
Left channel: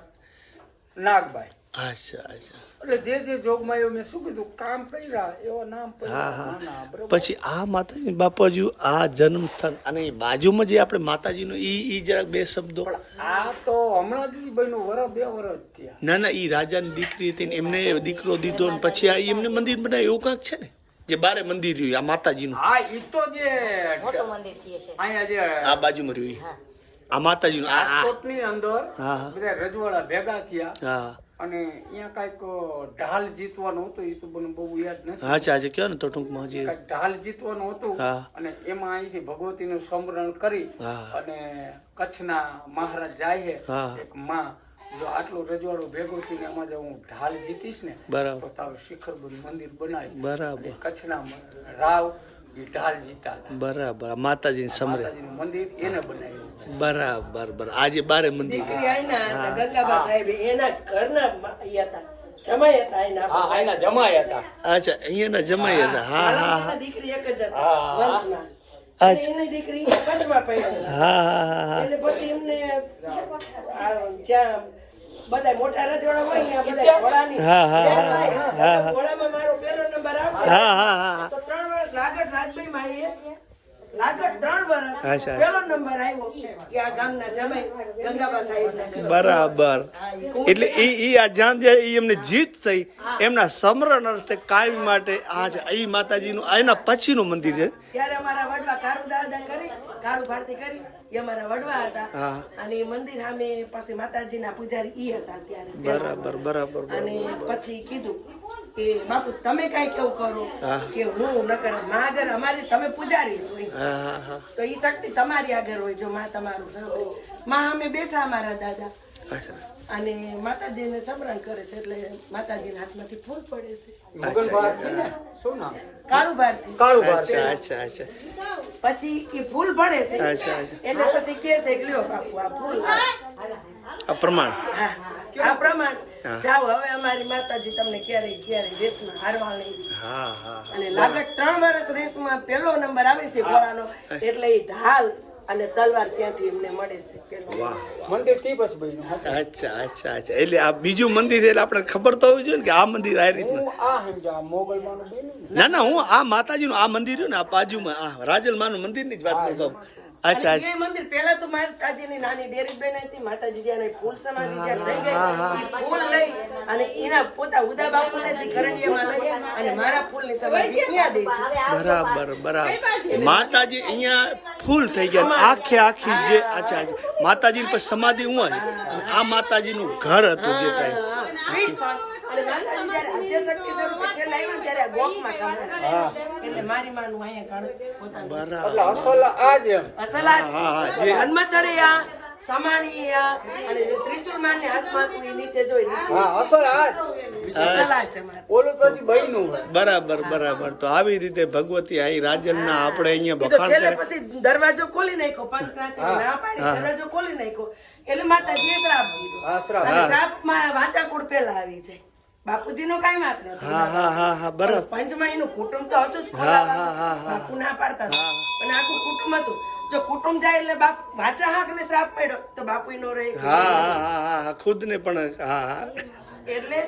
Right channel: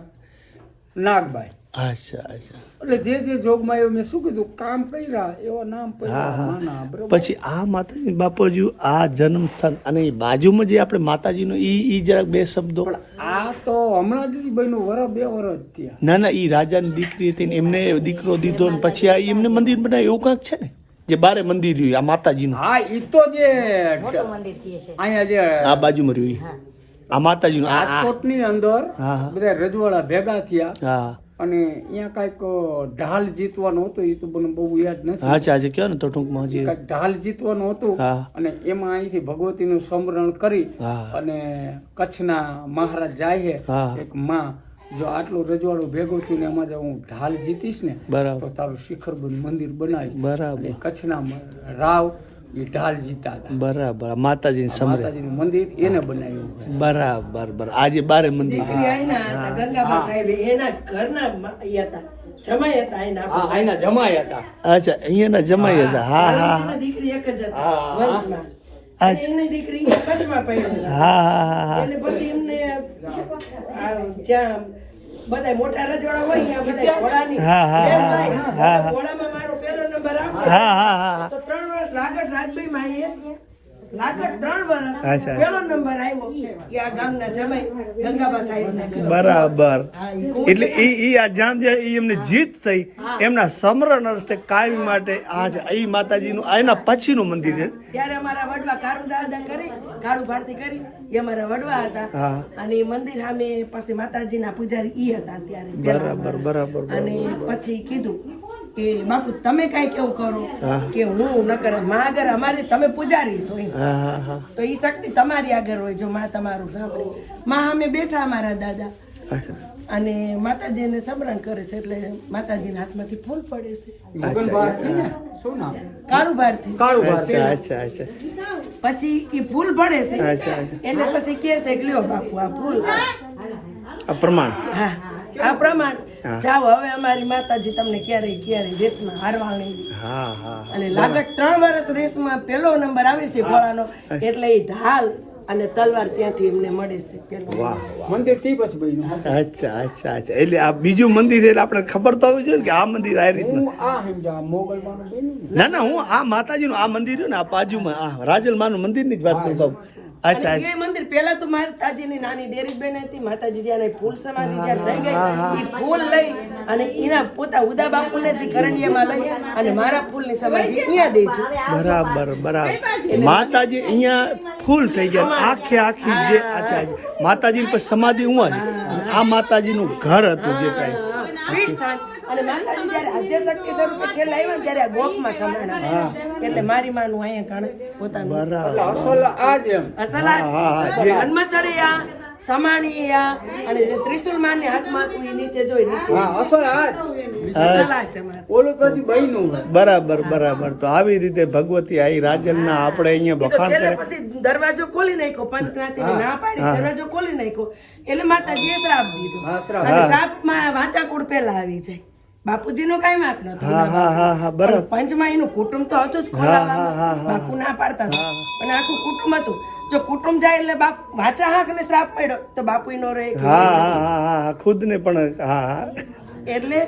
નાગભાઈ. અચ્છા અચ્છા. એટલે જે જે જોગમાં એવું મેં શું કીધું? કામ કર્યા એવા નામ હા હા. પછી આ માતાજી બાપાજી આ જન્મ સ્થાન અને એ બાજુમાં જે આપણે માતાજીનો ઈ ઈ જરાક બે શબ્દો. આ તો હમણાં જ બે વરસ થયા ના ના ઈ રાજાની દીકરી હતી ને એમને દીકરો દીધો ને પછી આ એમને મંદિર બનાવ્યું એવું કાંક છે ને? જે બારે મંદિર રહ્યું આ માતાજીનું. હા એ તો જે અહીંયા જે આ બાજુમાં રહ્યું આ માતાજીનું આ આ. અંદર હા, હા. બધા રજવાડા ભેગા થયા. હા. અને અહીંયા કાંઈક ઢાલ જીતવાનું હતું એ તો મને બહુ યાદ નથી. હા આજે કયો ને તો ટૂંકમાં હજી? કાંઈક ઢાલ જીતવાનું હતું અને એમાં અહીંથી ભગવતીનું સ્મરણ કરી અને કચ્છના મહારાજ જાય છે. એક માં. જો આટલું રજવાડું ભેગું થઈને એમાં જો હું ઢાલ જીતીશ ને બરાબર. તો તારું શિખરબંધ મંદિર બનાવી બરાબર. કચ્છના રાવ એ ઢાલ જીતા હતા. બરાબર માતાજીની સમરે માતાજીનું મંદિર એને બનાવ્યું બરાબર બરાબર. આજે બારે મંદિર. ગંગાબા સાહેબ એના ઘરના હતા. જમાઈ હતા હા એના જમાઈ હતા. અચ્છા અહીંયાના જમાઈ હતા. હા હા હા. દીકરી એક જ હતી વંશમાં. અચ્છા. એની દીકરી કચ્છમાં પડેલા હા હા હા એટલે પછી એમને જ્યાં બધા મોટા રજવાડા હોય ત્યાં બધા ઘોડાની હા, હા, હા, હા, હા. ઘોડામાં મારો પહેલો નંબર આવશે હા હા હા તો ત્રણ વર્ષ લાગત રાજભાઈ માં એ લાગત વર્ષ. પહેલો નંબર આવ્યો કે આ ગામના જમાઈ ગંગાબા સાહેબ બરાબર. એટલે ઈ ઈ આ જ્યાં જે એમને જીત થઈ એમના સમરણ અર્થે કાયમ માટે આજ ઈ માતાજીનું એના પછીનું મંદિર છે. ત્યારે અમારા વડવા કાળુ દાદા કરી કાળુ ભારતી કરી એ અમારા વડવા હતા. હા. અને એ મંદિર સામે પછી માતાજીના પૂજારી ઈ હતા ત્યારે બરાબર બરાબર અને પછી કીધું કે બાપુ તમે કઈ કેવું કરો? કે હું ન કરે માં આગળ અમારે તમે પૂજારી છો તો એ શક્તિ તમારી આગળ હોય જો માં તમારું સાંભળે. માં અમે બેઠા અમારા દાદા. અને માતાજીને સમરણ કરે છે એટલે માતાજીના હાથમાંથી ફૂલ પડે છે. કાળું અચ્છા અચ્છા અચ્છા. પછી એ ફૂલ પડે છે. એટલે પછી કે છે કે લ્યો બાપુ આ ફૂલ. આ પ્રમાણ. હા આ પ્રમાણ. જાઓ હવે અમારી માતાજી તમને ક્યારે ક્યારે રેસમાં હારવા નહીં હા હા. અને લાગત ત્રણ વર્ષ રેસમાં પહેલો નંબર આવે છે ઘોડાનો એટલે એ ઢાલ અને તલવાર ત્યાંથી એમને મળે છે મંદિરથી પછી અચ્છા અચ્છા અચ્છા. એટલે આ બીજું મંદિર એટલે આપણે ખબર તો હોવી જોઈએ ને કે આ મંદિર આ રીતના. આ સમજા મોગલ માનો બન્યું ના? ના હું આ માતાજીનું આ મંદિર રહ્યું ને આ બાજુમાં આ રાજલમાનું મંદિરની જ વાત કરતો. અચ્છા એ મંદિર પહેલા તો માતાજીની નાની ડેરી બેન હતી માતાજી જ્યારે ફૂલ સમાધિ થઈ ગઈ એ ફૂલ લઈ અને એના પોતા ઉદા બાપુને જે કરંડિયામાં લઈ અને મારા ફૂલની સમાધિ અહીંયા દે છે. બરાબર બરાબર. માતાજી અહીંયા ફૂલ થઈ ગયા. આખે આખી જે અચ્છા માતાજીની પર સમાધિ હું જ. અને આ માતાજીનું ઘર હતું જે ટાઈમ ઈ માં અને માતાજી જ્યારે આદ્યશક્તિ સ્વરૂપે છેલ્લે આવ્યા ત્યારે આ ગોખમાં સમાન હતા. એટલે મારી માનું અહીંયા ગણ પોતાનું. અસલ આ જ એમ. અસલ આ સમાણી આ અને જે ત્રિશુલ માને હાથમાં નીચે જોઈ નીચે. હા અસલ આ સલાહ છે મારી. ઓલું પછી બન્યું બરાબર બરાબર. તો આવી રીતે ભગવતી આઈ રાજલના આપણે અહીંયા બખાણ કરે. પછી દરવાજો ખોલી નાખ્યો પંચક્રાંતિ ના પાડી દરવાજો ખોલી નાખ્યો. એટલે માતાજીએ શ્રાપ દીધો. હા, શ્રાપ. માં વાચાકુળ પહેલા આવી જાય. બાપુજીનો કાંઈ વાંક નતો હા હા હા હા બરાબર. કુટુંબ તો હતું જ બાપુ ના પાડતા પણ આખું કુટુંબ હતું. જો કુટુંબ જાય એટલે બાપ વાચા હાક ને શ્રાપ પડ્યો તો બાપુ નો રહે હા હા હા હા હા ખુદને પણ હા એટલે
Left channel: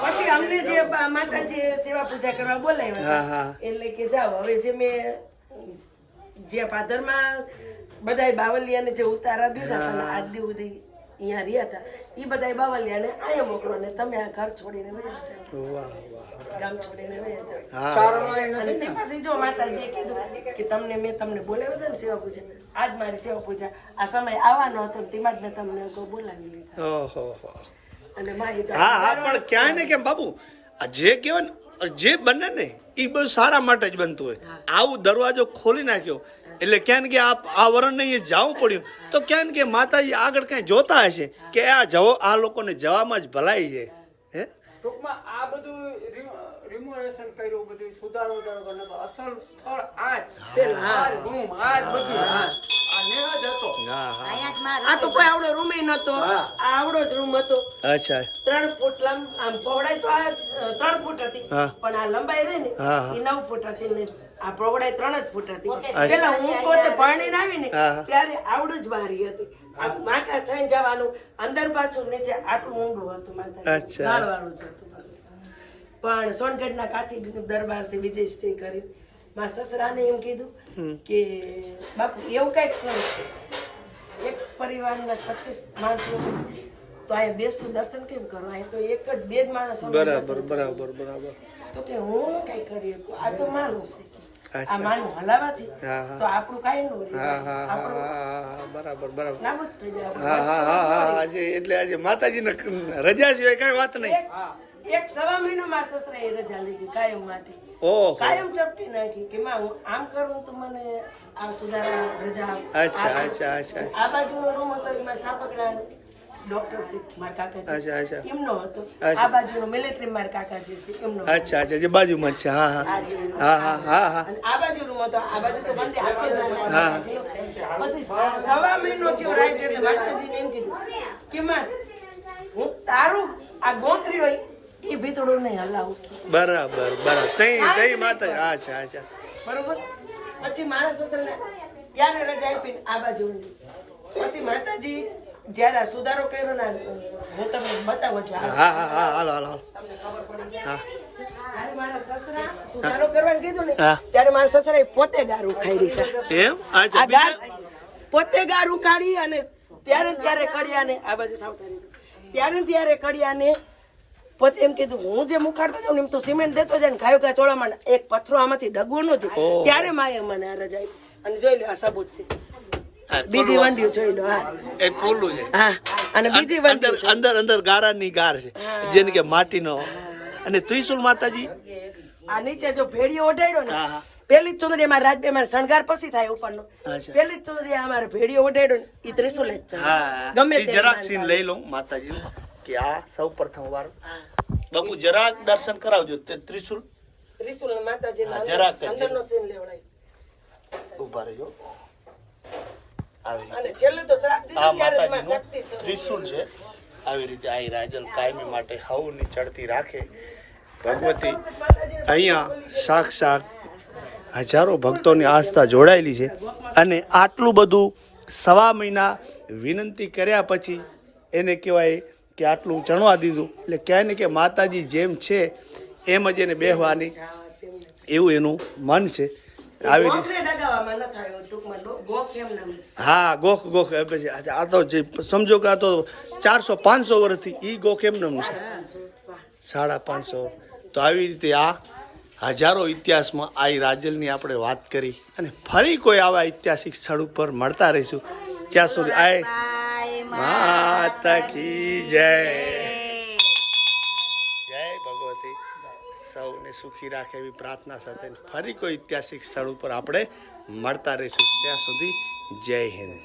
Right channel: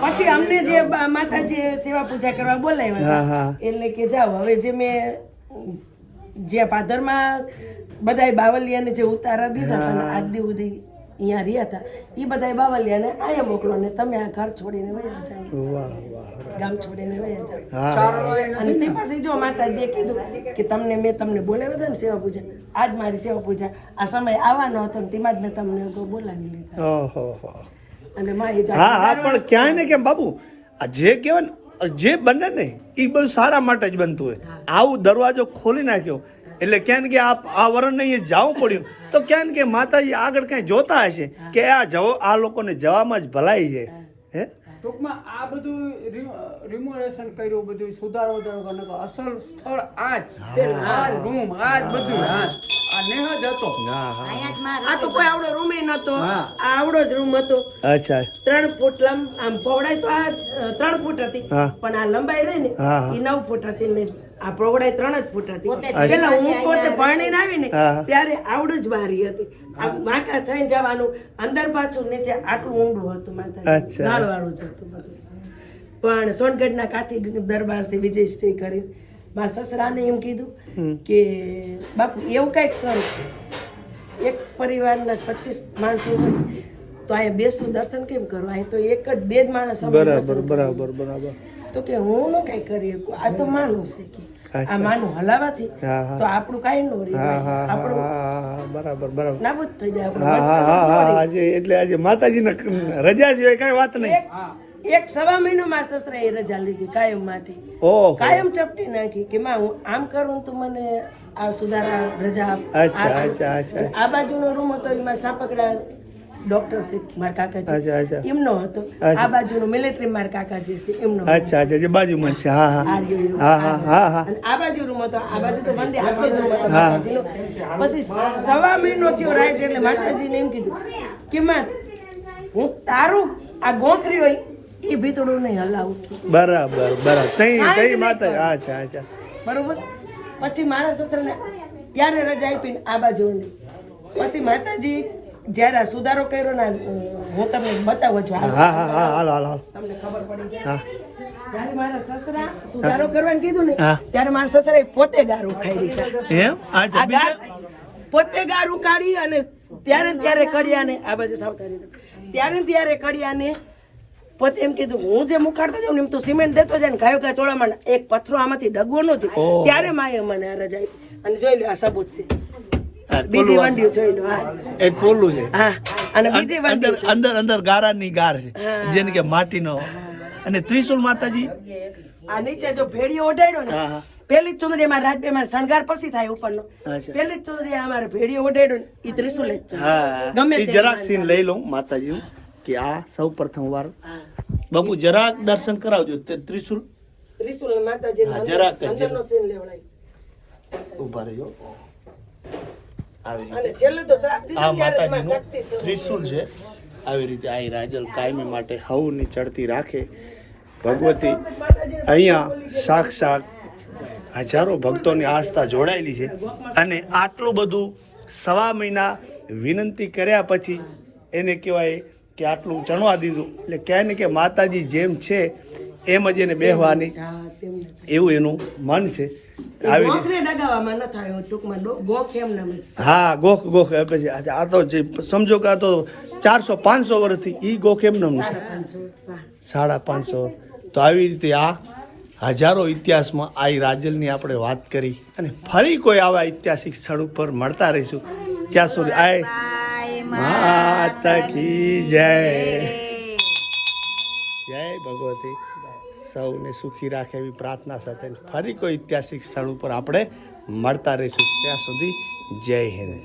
પછી અમને જે માતાજી સેવા પૂજા કરવા બોલાવ્યા એટલે કે જાઓ હવે જે મેં જે પાદરમાં બધાય બાવલિયાને જે ઉતારા દીધા આજ દી સુધી અહીંયા રહ્યા હતા. એ બધાય બાવલિયાને અહીંયા મોકલો ને તમે આ ઘર છોડીને વયા જાઓ. ગામ છોડીને વયા જાઓ. અને તે પછી જો માતાજીએ કીધું કે તમને મેં તમને બોલાવ્યા હતા ને સેવા પૂજા આજ મારી સેવા પૂજા. આ સમય આવવાનો હતો ને તેમાં જ મેં તમને બોલાવી લીધા. અને હા હા પણ ક્યાંય ને કેમ બાબુ આ જે કહેવાય ને જે બને ને એ બધું સારા માટે જ બનતું હોય. આવું દરવાજો ખોલી નાખ્યો. એટલે ક્યાં કે આ આ વરણને અહીંયા જવું પડ્યું. તો ક્યાં ને કે માતાજી આગળ કઈ જોતા હશે? કે આ જવો આ લોકોને જવામાં જ ભલાઈ છે. હે. ટૂંકમાં આ બધું રિમોવેશન કર્યું બધું સુધારો વધારો અસલ સ્થળ આ જ. આ રૂમ આ જ બધું. આ જ. આ નેહ જ હતો. હા હા. આ તો કોઈ આવડો રૂમે નતો. આ આવડો જ રૂમ હતો. અચ્છા. ત્રણ ફૂટ લંબ આમ પહોળાઈ તો આ ત્રણ ફૂટ હતી. પણ આ લંબાઈ રહી ને. એ નવ ફૂટ હતી ને આ પહોળાઈ ત્રણ જ ફૂટ હતી. પેલા હું પોતે પરણીને આવી ને હા, હા. ત્યારે આવડું જ બારી હતી. આ વાંકા થઈને જવાનું અંદર પાછું નીચે આટલું ઊંડું હતું માતા અચ્છા. ગાળવાળું જ હતું બધું. પણ સોનગઢના કાથી દરબાર છે સ્ટે કરી મારા સસરાને એમ કીધું કે બાપુ એવું કંઈક કરો. એક પરિવારના પચીસ માણસો તો અહીંયા બેસવું દર્શન કેમ કરો? અહીં તો એક જ બે જ માણસ બરાબર બરાબર બરાબર. તો કે હું ન કઈ કરી આ તો માનું છે કે આ માનું હલાવાથી. તો આપણું કઈ નો રહે. બરાબર બરાબર. નાબૂદ થઈ જાય હા હા હા હા આજે એટલે આજે માતાજીના રજા છે કઈ વાત નહીં. એક સવા મહિનો મારા એ રજા લીધી કાયમ માટે. કાયમ ચપટી નાખી કે માં હું આમ કરું તો મને આ સુધારા રજા આપ. અચ્છા આ- અચ્છા અચ્છા. આ બાજુનો રૂમ હતો એમાં સાપકડા ડોક્ટર છે મારા કાકા અચ્છા અચ્છા. એમનો હતો. આ બાજુનો મિલિટરી મારા કાકાજી છે એમનો અચ્છા અચ્છા જે બાજુમાં છે. હા હા. હા હા હા હા. અને આ બાજુ રૂમ હતો. આ બાજુ તો બંને આટલો જ રૂમ હા. પછી સવા મહિનો થયો રાઈટ એટલે માતાજીને એમ કીધું કે માં હું તારું આ ગોખરી હોય એ ભીતડું નહીં હલાવું. બરાબર બરાબર. તઈ તઈ માતા અચ્છા અચ્છા. બરોબર? પછી મારા સસરાને ત્યારે રજા આપીને આ બાજુની પછી માતાજી જ્યારે આ સુધારો કર્યો ને હું તમને બતાવું છું. હા હા હા હાલ હાલ હાલ. તમને ખબર પડી જાય. જ્યારે મારા સસરા સુધારો કરવાનું કીધું ને ત્યારે મારા સસરા પોતે ગારું ખાઈ છે. એમ? આ ગાર પોતે ગારું કાઢી અને ત્યારે ને ત્યારે કડિયાને આ બાજુ સાવધાની ત્યારે ત્યારે કડિયાને પોતે એમ કીધું હું જે મુખાડતો જાઉં ને એમ તો સિમેન્ટ દેતો જાય ને ગાયો ગાય ચોળામાં એક પથરો આમાંથી ડગવો નથી ત્યારે માએ મને રજાઈ અને જોઈ લો આ સબૂત છે. બીજી વંડિયું જોઈ લો હા. એ પોલું છે. હા અને બીજી અંદર અંદર અંદર ગારાની ગાર છે. જેને કે માટીનો. અને ત્રિશુલ માતાજી? આ નીચે જો ભેડીઓ ઓઢાડ્યો ને પેલી ચુંદડી અમારે રાજબેમાં શણગાર પછી થાય ઉપરનો. પેલી ચુંદડી અમારે ભેડીઓ ઓઢાડ્યો ને એ ત્રિશુલ જ છે. હા ગમે જરાક સીન લઈ લઉં માતાજી કે આ સૌ પ્રથમ વાર. બાપુ જરાક દર્શન કરાવજો ત્રિશુલ. ત્રિશુલ માતાજી જરાક અંદરનો સીન લેવડાય ઊભા રહેજો. આ માતાજીનું. ત્રિશુલ છે. આવી રીતે અહીં રાજલ કાયમી માટે હવની ચડતી રાખે. ભગવતી અહીંયા સાક્ષાત હજારો ભક્તોની આસ્થા જોડાયેલી છે. અને આટલું બધું સવા મહિના વિનંતી કર્યા પછી એને કહેવાય કે આટલું ચણવા દીધું. એટલે કહે ને કે માતાજી જેમ છે એમ જ એને બેહવાની. એવું એનું મન છે. આવી રીતે ગોખને ન થાય ટૂંકમાં ગોખ એમ નામ હા ગોખ ગોખ પછી આ તો જે સમજો કે આ તો ચારસો પાંચસો વર્ષથી ઈ ગોખ એમ સા- સાડા પાંચસો તો આવી રીતે આ હજારો ઇતિહાસમાં આ રાજલની આપણે વાત કરી અને ફરી કોઈ આવા ઐતિહાસિક સ્થળ ઉપર મળતા રહીશું. જ્યાં સુધી આય માતા કી જય. જય ભગવતી. સૌને સુખી રાખે એવી પ્રાર્થના સાથે ફરી કોઈ ઐતિહાસિક સ્થળ ઉપર આપણે મળતા રહીશું. ત્યાં સુધી જય હિન્દ.